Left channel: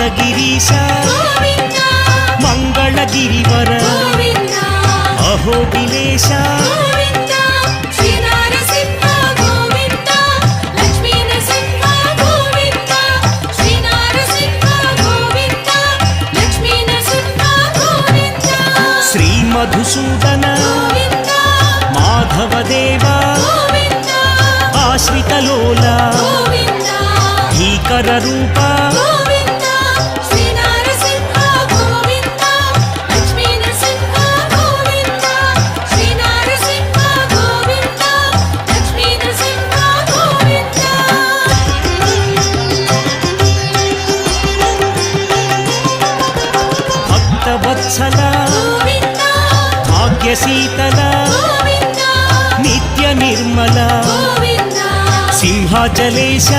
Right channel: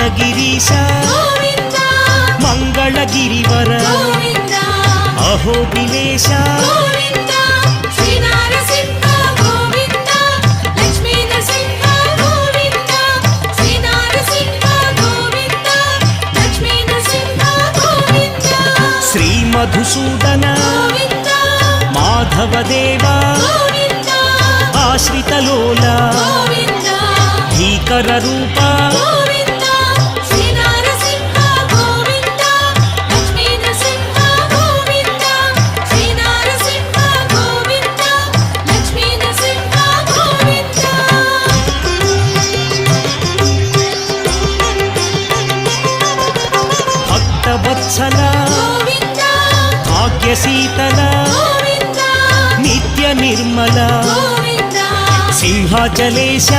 ಮಂದಗಿರೀಶ ಮಂಗಳಗಿರಿವರ ಅಹೋಬಿಲೇಶ ಶ್ರೀ ಮಧುಸೂದನ ಮಾಧವದೇವ ಆಶ್ರಿತಲೋಲ ಭೀಕರ ರೂಪ ಭಕ್ತವತ್ಸಲ ಭಾಗ್ಯಶೀತಲ ನಿತ್ಯ ನಿರ್ಮಲ ಸಿಂಹಾಚಲೇಶ